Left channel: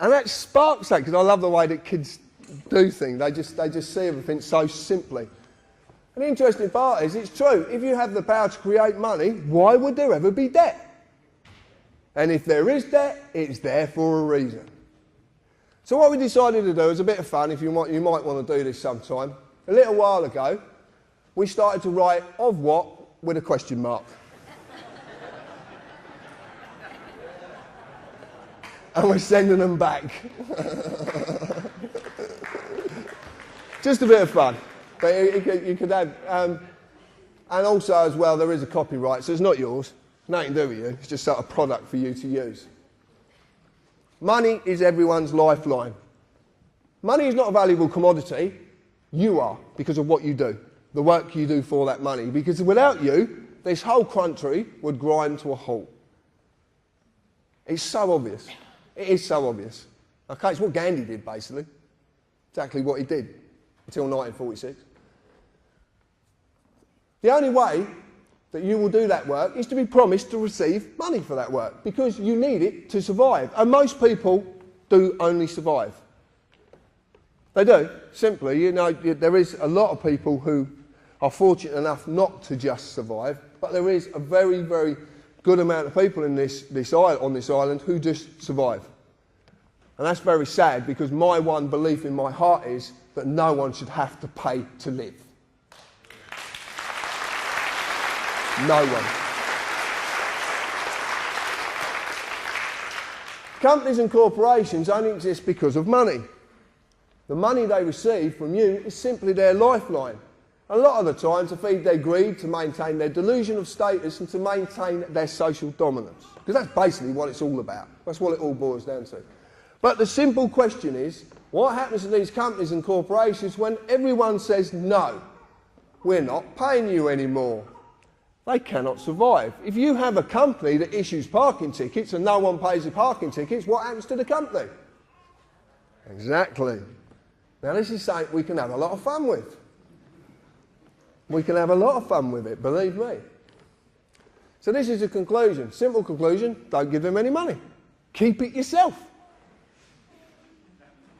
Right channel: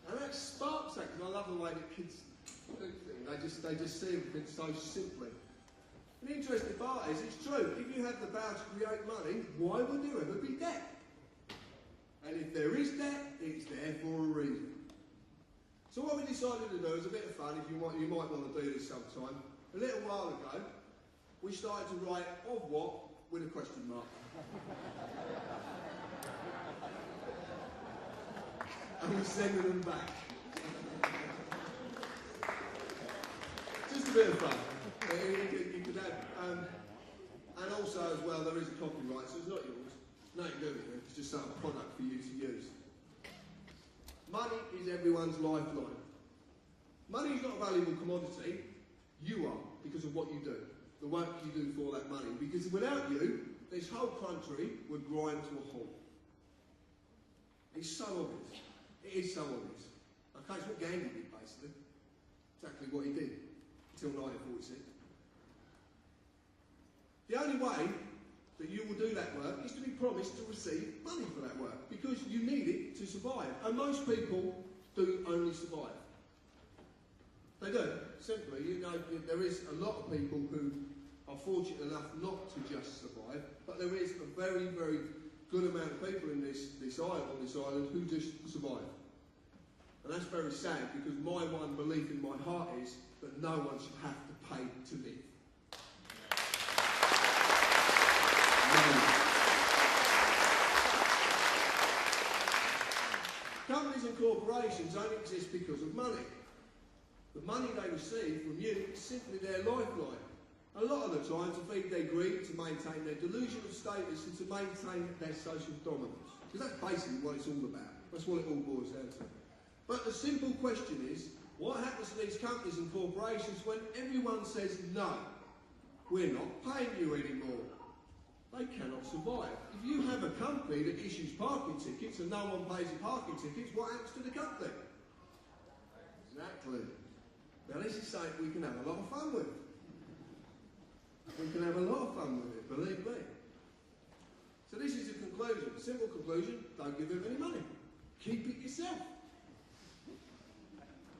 And that sparks that, because I love the way that kids do things. They just see everything so simply. And the interesting part is, it's true. If you have the power to create money, why would there ever be debt? And if there is debt, it's there for a reason. So what we decided to do is a bit of fun, if you might want to do this sometime. A little while ago, we started to write "of what" with a question mark. And we're sending them back. Just a bit of fun. But you could add, and also as well, there is a copyright, so it's not yours. Nothing to do with you. It's just sort of product for you to use. Money is everyone's lifeline. Money is not a valuable commodity. You are, because of what you do, the work you do for that money. Because without you, this whole country would grind to a halt. It's so obvious. It is so obvious. Okay, it's what Gandhi did, basically. Exactly what he did, until 1946. The only way that you will do that work is to be promised to receive money for that work, because you need it to survive. And most people do only survive. They do, simply. You know, there is a lot of people who are fortunate enough not to just survive, but there is a very, very good amount of people in on this island who just survive. And that's very sad, because my one belief in my heart is that no one should have to pay to live. No one. Companies and corporations only exist because of money. The money they receive from you is simply their lifeline. A lot of the time to feed their greed, to maintain their delusion of status, and to maintain their social dominance. Because that's basically what it's all about. That's what it all boils down to. But the simple question is, what happens to these companies and corporations when everyone says, no, we're not paying you anymore? They cannot survive. If you have a company that issues parking tickets and no one pays the parking tickets, what happens to the company? Exactly. Now this is something we can have a lot of fun with. We can have a lot of fun with it, believe me. So this is a conclusion. Simple conclusion: don't give them any money. Keep it yourself.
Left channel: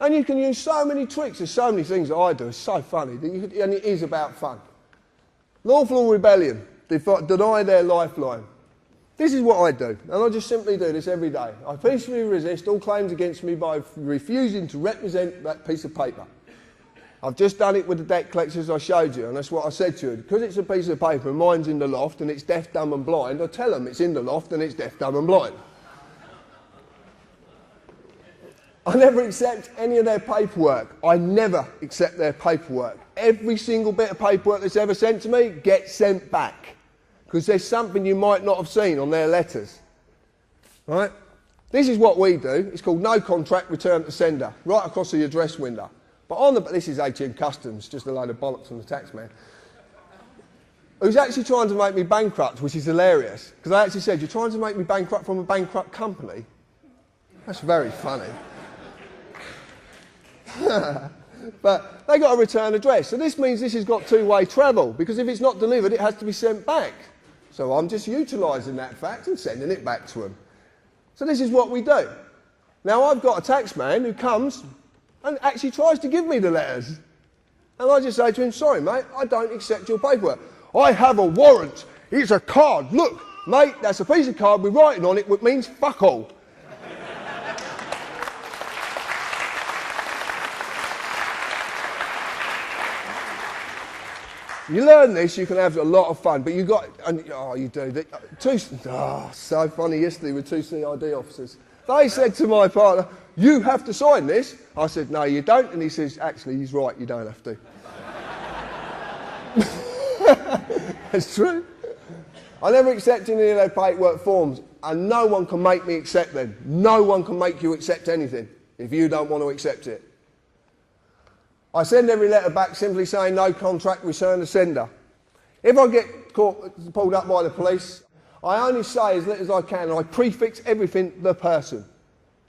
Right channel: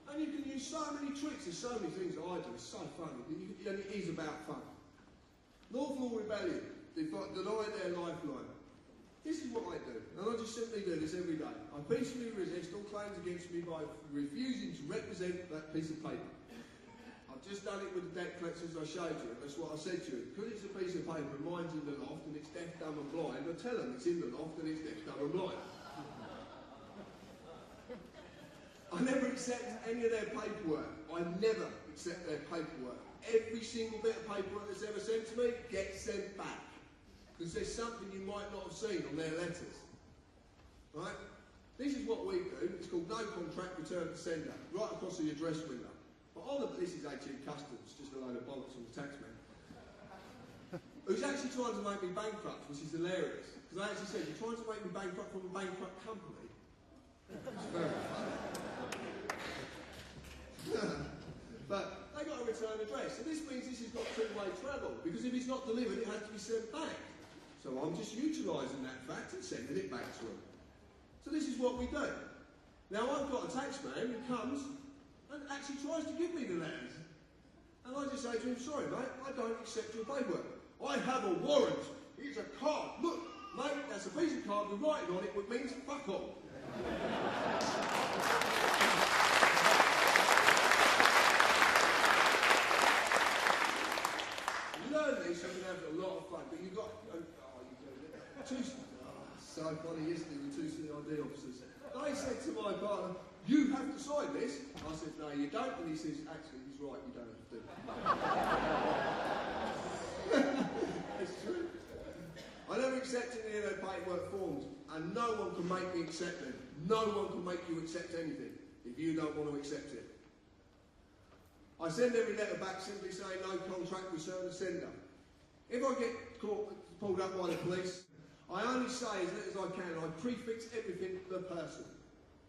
And you can use so many tricks. There's so many things that I do. It's so funny. And it is about fun. Lawful rebellion. Deny their lifeline. This is what I do. And I just simply do this every day. I peacefully resist all claims against me by refusing to represent that piece of paper. I've just done it with the debt collectors I showed you, and that's what I said to you. Because it's a piece of paper and mine's in the loft and it's deaf, dumb and blind, I tell them it's in the loft and it's deaf, dumb and blind. I never accept any of their paperwork. I never accept their paperwork. Every single bit of paperwork that's ever sent to me gets sent back. Because there's something you might not have seen on their letters. Right? This is what we do. It's called no contract, return to sender, right across the address window. But this is ATM Customs, just a load of bollocks from the tax man, who's actually trying to make me bankrupt, which is hilarious. Because I actually said, you're trying to make me bankrupt from a bankrupt company? That's very funny. But they got a return address. So this means this has got two-way travel, because if it's not delivered, it has to be sent back. So I'm just utilising that fact and sending it back to them. So this is what we do. Now I've got a tax man who comes and actually tries to give me the letters. And I just say to him, sorry mate, I don't accept your paperwork. I have a warrant. It's a card. Look, mate, that's a piece of card with writing on it which means fuck all. You learn this, you can have a lot of fun, but you got, and, oh, you do. So funny yesterday with two CID officers. They said to my partner, you have to sign this. I said, no, you don't. And he says, actually, he's right, you don't have to. It's true. I never accept any of their paperwork forms, and no one can make me accept them. No one can make you accept anything if you don't want to accept it. I send every letter back simply saying no contract, return to sender. If I get pulled up by the police, I only say as little as I can, and I prefix everything the person.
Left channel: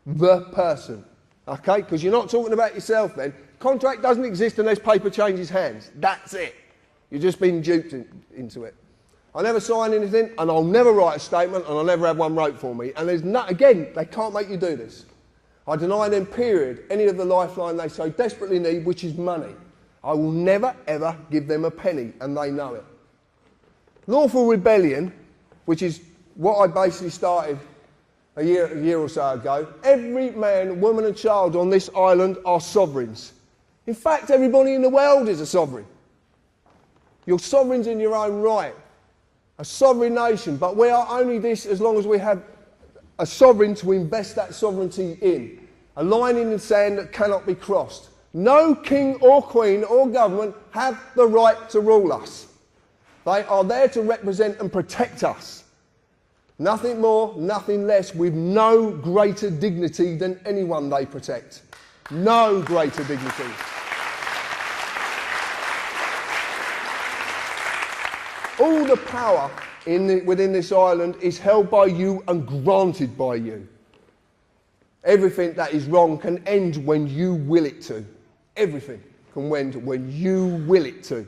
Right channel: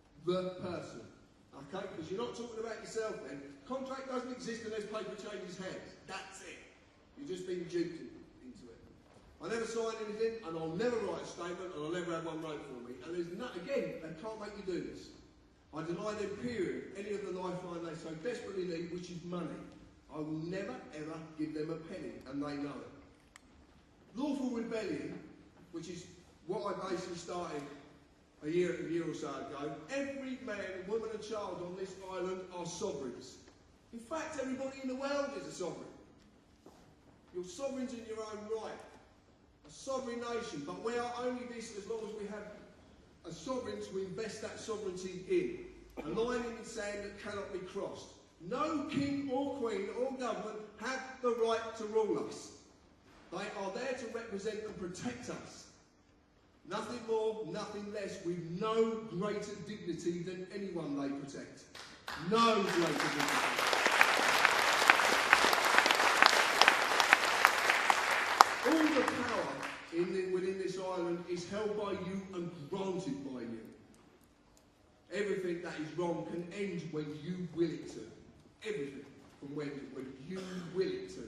The person. Okay? Because you're not talking about yourself then. Contract doesn't exist unless paper changes hands. That's it. You've just been duped into it. I never sign anything, and I'll never write a statement, and I'll never have one wrote for me. And there's again, they can't make you do this. I deny them, period, any of the lifeline they so desperately need, which is money. I will never, ever give them a penny, and they know it. Lawful rebellion, which is what I basically started a year or so ago. Every man, woman and child on this island are sovereigns. In fact, everybody in the world is a sovereign. You're sovereigns in your own right. A sovereign nation, but we are only this as long as we have a sovereign to invest that sovereignty in. A line in the sand that cannot be crossed. No king or queen or government have the right to rule us. They are there to represent and protect us. Nothing more, nothing less, with no greater dignity than anyone they protect. No greater dignity. All the power within this island is held by you and granted by you. Everything that is wrong can end when you will it to. Everything can end when you will it to.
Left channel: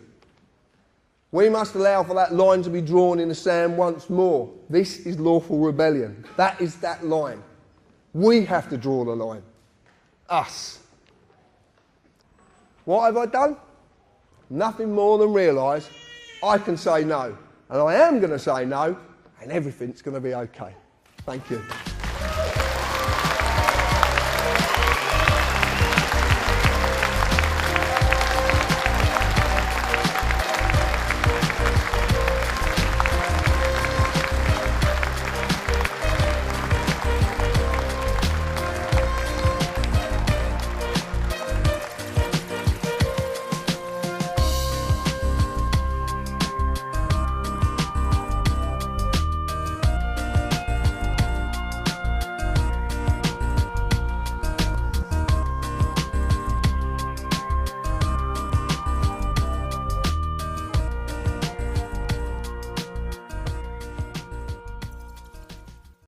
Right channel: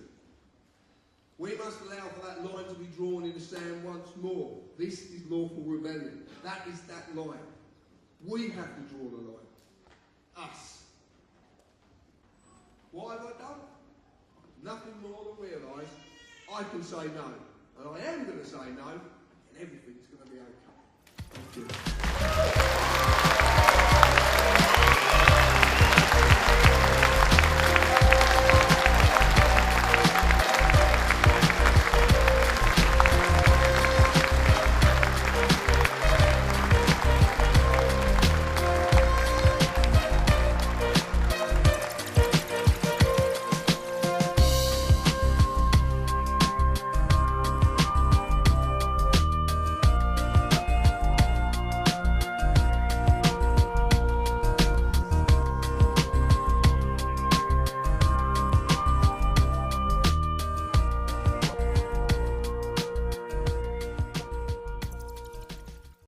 We must allow for that line to be drawn in the sand once more. This is lawful rebellion. That is that line. We have to draw the line. Us. What have I done? Nothing more than realise I can say no. And I am going to say no, and everything's going to be okay. Thank you.